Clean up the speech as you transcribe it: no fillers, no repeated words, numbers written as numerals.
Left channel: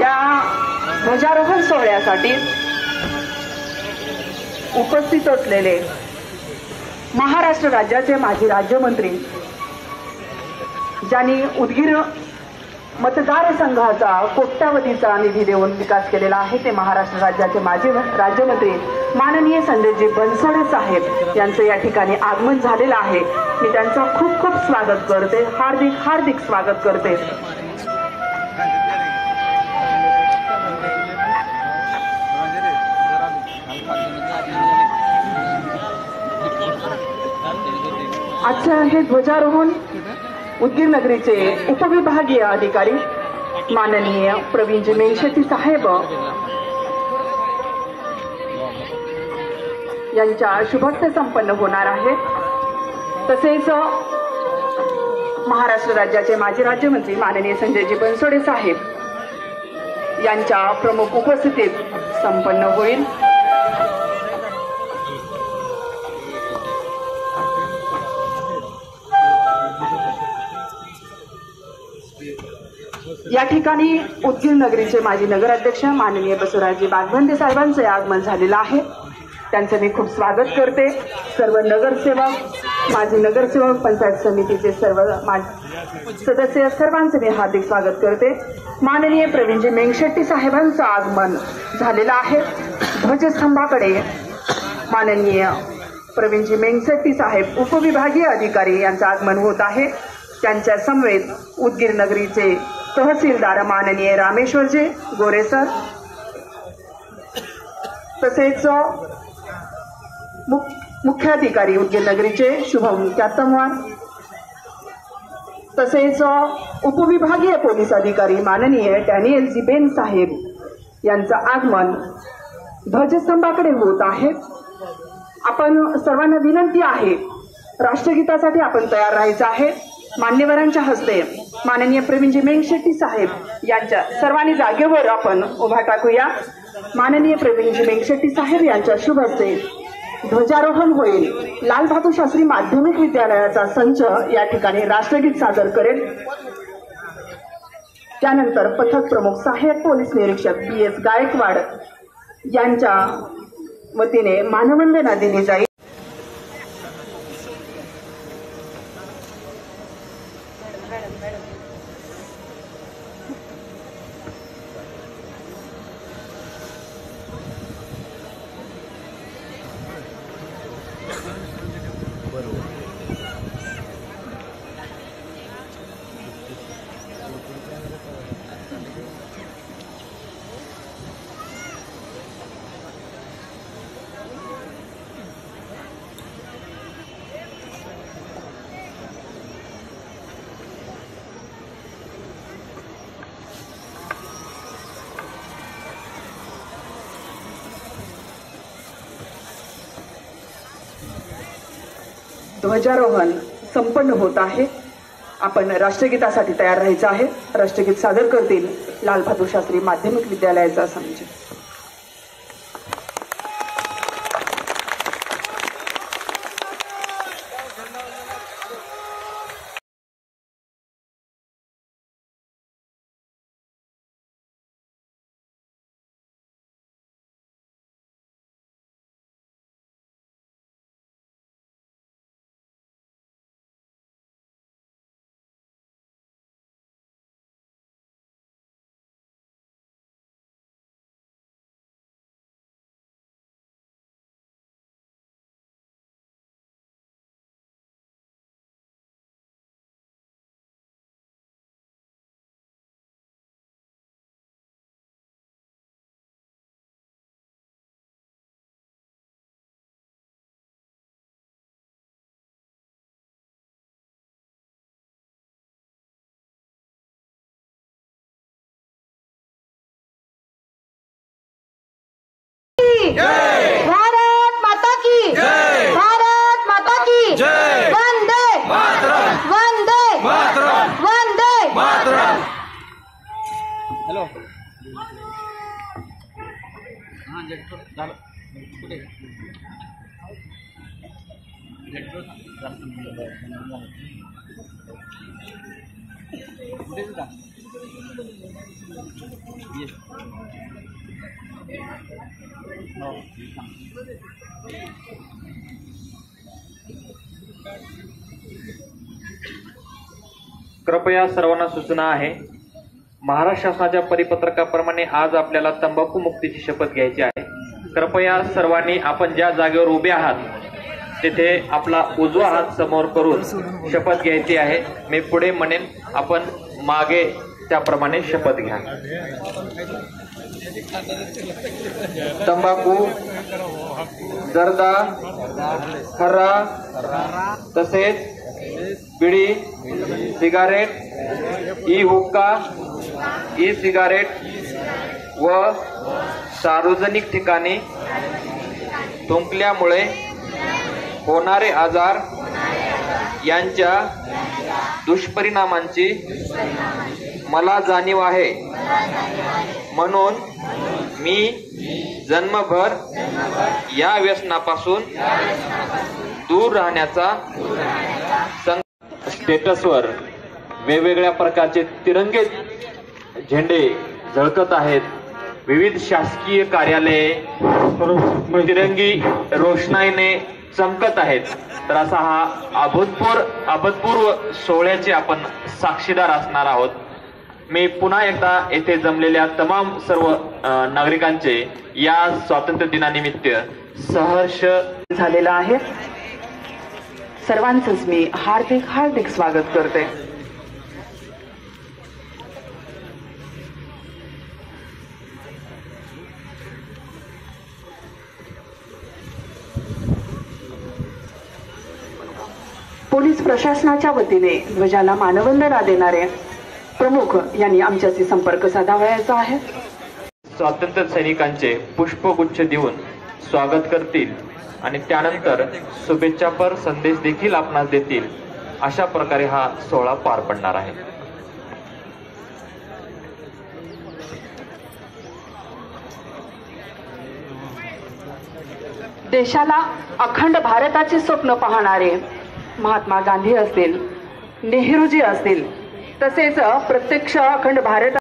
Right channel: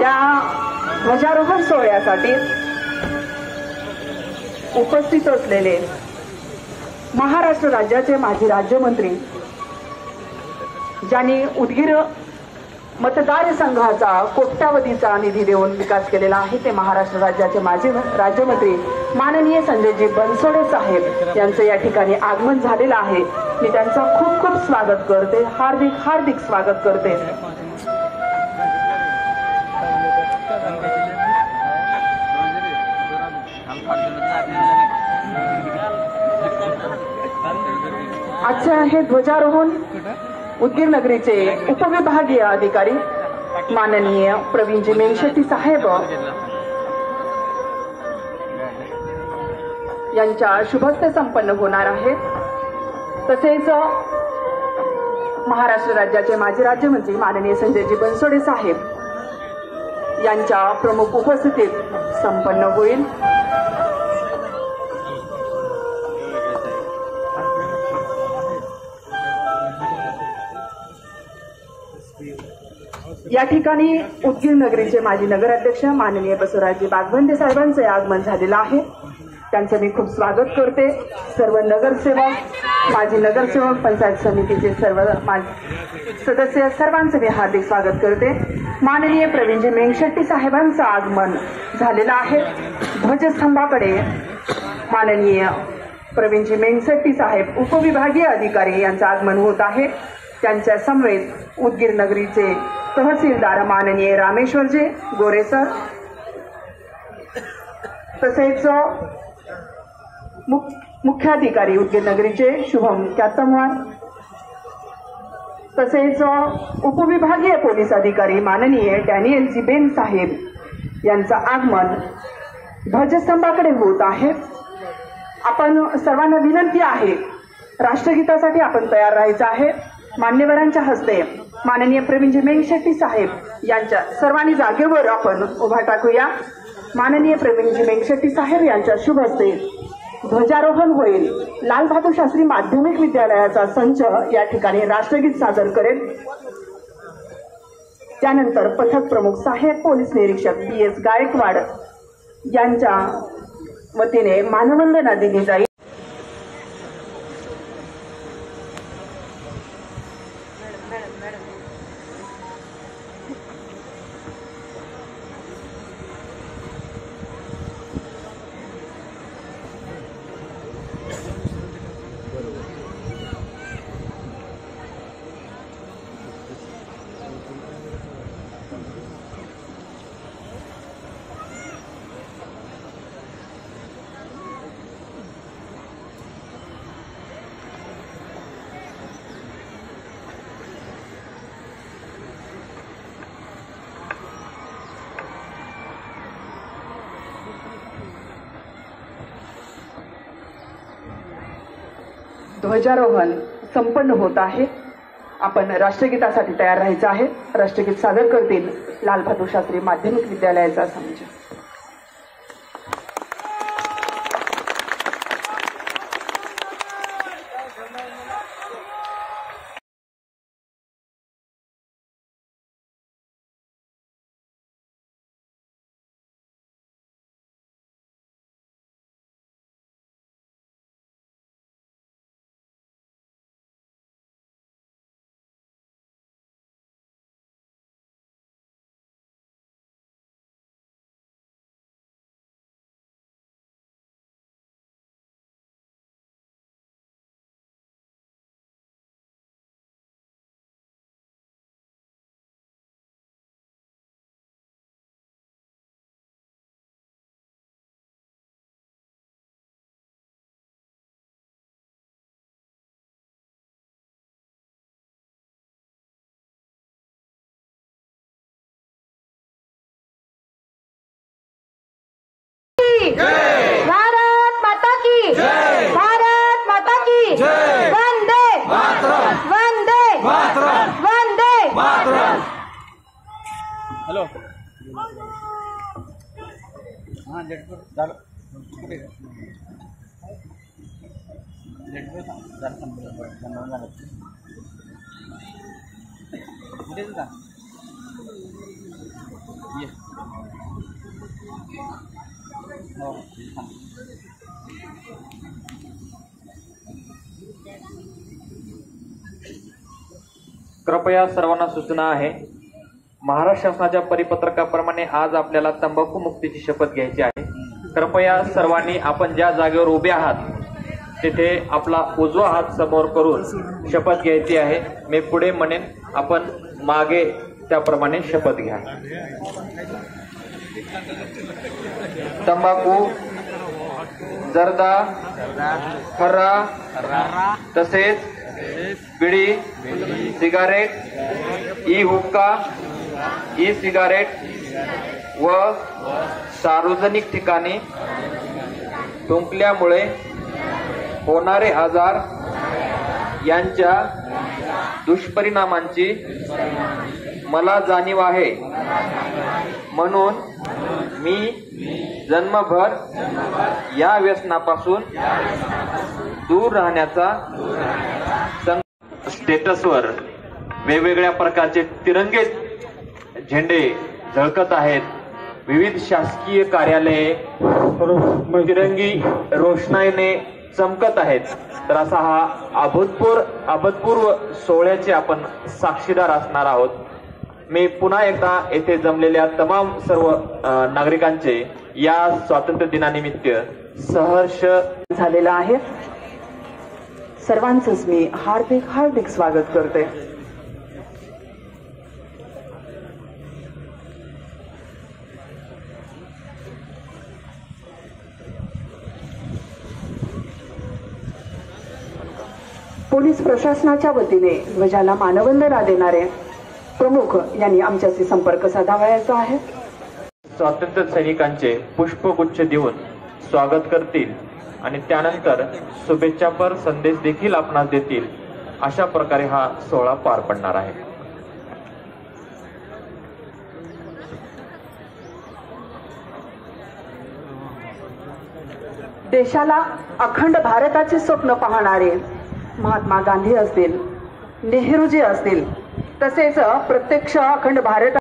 या ध्वजारोहण सोहळ्यासाठी उपस्थित असलेले महाराष्ट्र राज्याचे माजी राज्यमंत्री, ज्यांनी उदगीर मतदारसंघाचा कोट्यावधीचा निधी देऊन विकास केलेला आहे, ते महाराष्ट्र राज्याचे माजी राज्यमंत्री माननीय संजयजी बनसोडे साहेब यांचं या ठिकाणी आगमन झालेलं आहे। मी त्यांचं खूप खूप स्वागत करते, हार्दिक हार्दिक स्वागत करते। आजचं हे ध्वजारोहण उदगीर नगरीचे उपविभागीय अधिकारी माननीय प्रवीणजी मेंगशेट्टी साहेब यांच्या शुभहस्ते संपन्न होणार आहे। तसेच महाराष्ट्र राज्याचे माजी राज्यमंत्री माननीय संजयजी बनसोडे साहेब यांच्या प्रमुख उपस्थितीत संपन्न होईल। या ठिकाणी उदगीर नगरीचे माजी नगराध्यक्ष माननीय बसवराजजी बागवंदे साहेबांचे आगमन झालेलं आहे, त्यांचे मी खूप स्वागत करते। सर्व नगरसेवक, माजी नगरसेवक, पंचायत समितीचे सर्व सदस्य, सर्वांचे मी हार्दिक स्वागत करते। माननीय प्रवीणजी मेंगशेट्टी साहेबांचं आगमन झालेलं आहे। ध्वजस्तंभाकडे माननीय प्रवीणजी मेंगशेट्टी साहेब उपविभागीय अधिकारी यांचं आगमन होत आहे। त्यांच्या समवेत उदगीर नगरीचे तहसीलदार माननीय रामेश्वरजी गोरे सर, तसेच मुख्याधिकारी उदगीर नगरीचे शुभम कॅतमवार, तसेच उपविभागीय पोलीस अधिकारी माननीय डॅनियल जिबेन साहेब यांचं आगमन ध्वजस्तंभाकडे होत आहे। आपण सर्वांना विनंती आहे, राष्ट्रगीतासाठी आपण तयार राहायचं आहे। मान्यवरांच्या हस्ते माननीय प्रवीणजी मेंगशेट्टी साहेब यांच्या सर्वांनी जागेवर आपण उभा टाकूया। माननीय प्रवीणजी मेंगशेट्टी साहेब यांच्या शुभ हस्ते ध्वजारोहण होईल। लाल बहादूर शास्त्री माध्यमिक विद्यालयाचा संच या ठिकाणी राष्ट्रगीत सादर करेल। त्यानंतर पथक प्रमुख सहाय्यक पोलीस निरीक्षक PS गायकवाड यांच्या वतीने मानवंदना दिली जाईल। ध्वजारोहण संपन्न होत आहे। आपण राष्ट्रगीतासाठी तयार राहायचं आहे। राष्ट्रगीत सादर करतील लाल बहादूर शास्त्री माध्यमिक विद्यालयाचा संच। भारत माता की जय, भारत माता की जय, वंदे मातरम, वंदे मातरम, वंदे मातरम। हेलो हाँ जेटो झालं कुठे जेटो झालं संपलं कुठे ये हो थांब. कृपया सर्वांना सूचना आहे. महाराष्ट्र शासनाच्या परिपत्रकाप्रमाणे आज आपल्याला तंबाखू मुक्तीची शपथ घ्यायची आहे. कृपया सर्वांनी आपण ज्या जागेवर उभे आहात तिथे आपला उजवा हात समोर करून शपथ घ्यायची आहे. मी पुढे म्हणेन, आपण मागे त्याप्रमाणे शपथ घ्या. तंबाखू, जर्दा, खर्रा, तसेच बिडी, सिगारेट, ई हुक्का, ई सिगारेट व सार्वजनिक ठिकाणी थुंकल्यामुळे होणारे आजार यांच्या दुष्परिणामांची मला जाणीव आहे. म्हणून मी जन्मभर या व्यसनापासून दूर राहण्याचा स्टेटसवर वेगवेगळ्या प्रकारचे तिरंगे झेंडे झळकत आहेत. विविध शासकीय कार्यालये तिरंगी रोषणाईने चमकत आहेत. तर असा हा अभूतपूर्व सोहळ्याचे आपण साक्षीदार असणार आहोत. मी पुन्हा एकदा येथे जमलेल्या तमाम सर्व नागरिकांचे या स्वातंत्र्य दिनानिमित्त सहर्ष झालेला आहे. सर्वांचंच मी हार्दिक स्वागत करते. पोलीस प्रशासनाच्या वतीने ध्वजाला मानवंदना देणारे प्रमुख यांनी आमच्याशी संपर्क साधावयाचा आहे. स्वातंत्र्य सैनिकांचे पुष्पगुच्छ देऊन स्वागत करतील आणि त्यानंतर शुभेच्छापर संदेश देखील आपणास देतील. अशा प्रकारे हा सोहळा पार पडणार आहे. देशाला अखंड भारताचे स्वप्न पाहणारे महात्मा गांधी असतील, नेहरूजी असतील, तसेच प्रत्यक्ष अखंड भारत